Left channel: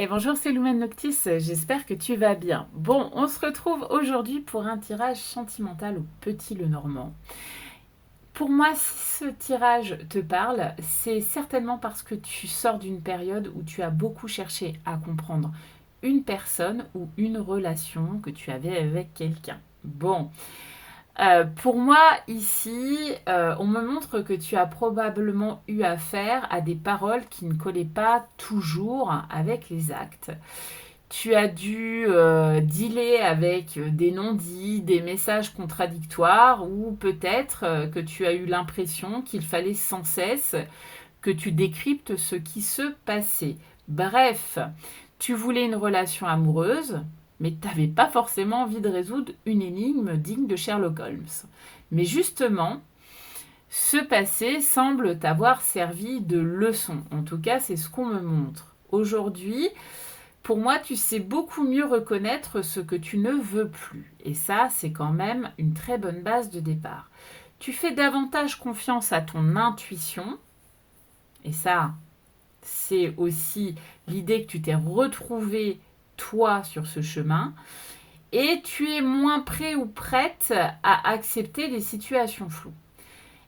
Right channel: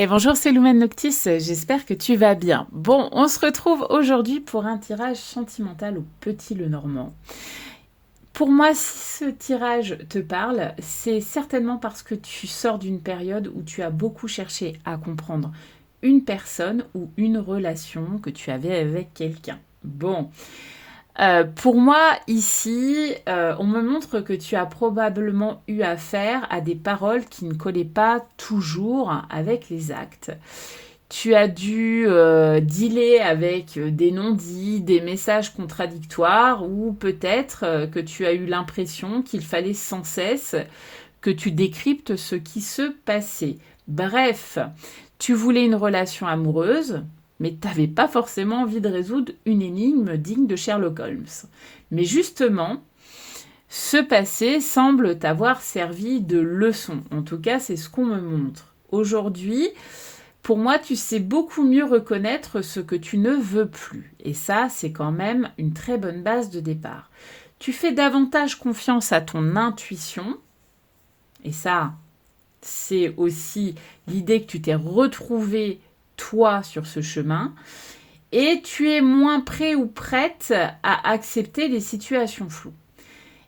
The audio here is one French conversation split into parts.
Et bonjour, c'est Lumen Noctis, j'espère que tu vas bien. Bon, on se retrouve aujourd'hui pour un tirage sentimental au Petit Lenormand. Pour moi, si ce tirage te parle, c'est certainement parce que tu sors d'une période où tu as beaucoup cherché à comprendre une personne ou une relation que tu avais avec quelqu'un. Bon, pour moi, ici, on me montre que tu as probablement eu affaire à des paroles qui ne collaient pas toujours avec les actes. Tu as dû dealer avec des non-dits, des messages contradictoires, ou peut-être que tu as eu l'impression qu'il fallait sans cesse que tu décryptes ce qui se passait. Bref, tu voulais une relation amoureuse, mais tu n'avais pas forcément envie de résoudre une énigme digne de Sherlock Holmes. Mais justement, ce passé semble t'avoir servi de leçon. En tout cas, c'est ce qu'on me montre. Aujourd'hui, pour moi, tu sais beaucoup mieux reconnaître ce que tu ne veux plus. Et ça, c'est quand même une très bonne base de départ. Tu fais davantage confiance à ton intuition. Et ça, c'est aussi l'idée que tu t'es retrouvé toi sur ce chemin. Et tu es moins prêt ou prête à accepter les situations floues.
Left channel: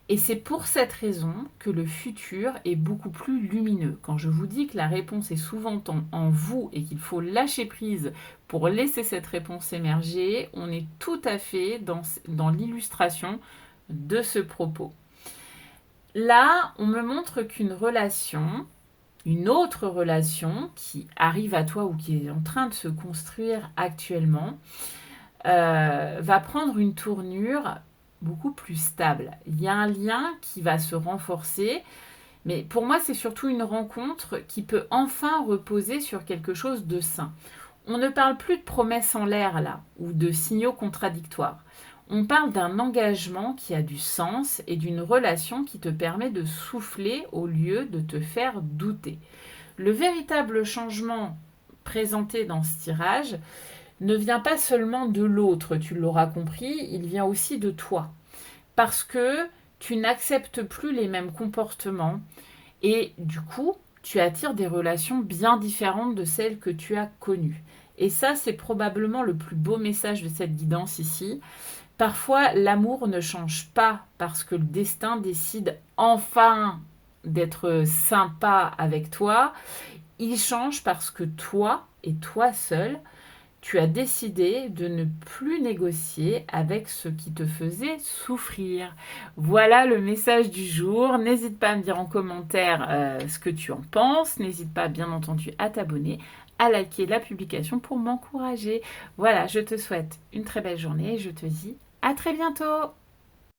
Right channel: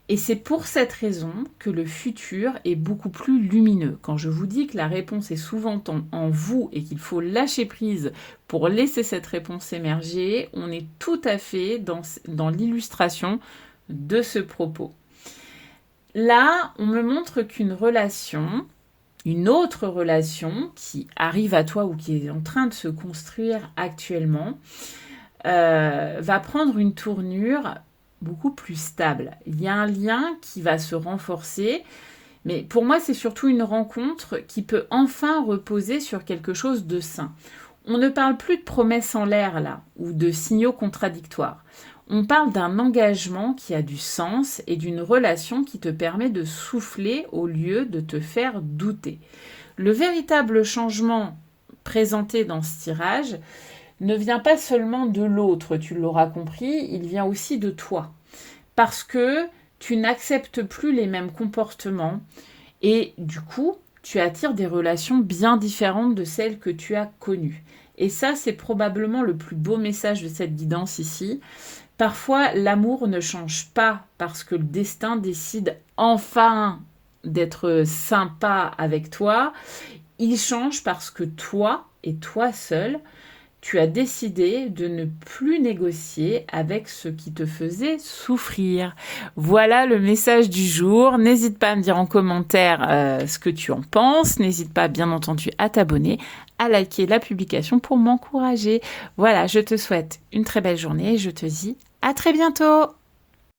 Et c'est pour cette raison que le futur est beaucoup plus lumineux. Quand je vous dis que la réponse est souvent en vous et qu'il faut lâcher prise pour laisser cette réponse émerger, on est tout à fait dans l'illustration de ce propos. Là, on me montre qu'une relation, une autre relation qui arrive à toi ou qui est en train de se construire actuellement, va prendre une tournure beaucoup plus stable. Il y a un lien qui va se renforcer, mais pour moi, c'est surtout une rencontre qui peut enfin reposer sur quelque chose de sain. On ne parle plus de promesses en l'air là, ou de signaux contradictoires. On parle d'un engagement qui a du sens et d'une relation qui te permet de souffler au lieu de te faire douter. Le véritable changement présenté dans ce tirage ne vient pas seulement de l'autre, tu l'auras compris, il vient aussi de toi. Parce que tu n'acceptes plus les mêmes comportements et du coup, tu attires des relations bien différentes de celles que tu as connues. Et ça, c'est probablement le plus beau message de cette guidance ici. Parfois, l'amour ne change pas parce que le destin décide enfin d'être sympa avec toi. Il change parce que toi et toi seul, tu as décidé de ne plus négocier avec ce qui te faisait souffrir. Voilà le message du jour. N'hésite pas à me dire en commentaire ce que tu en penses. N'hésite pas, bien entendu, à t'abonner, à liker la publication pour m'encourager. Voilà, je te souhaite une très belle journée et je te dis à très bientôt.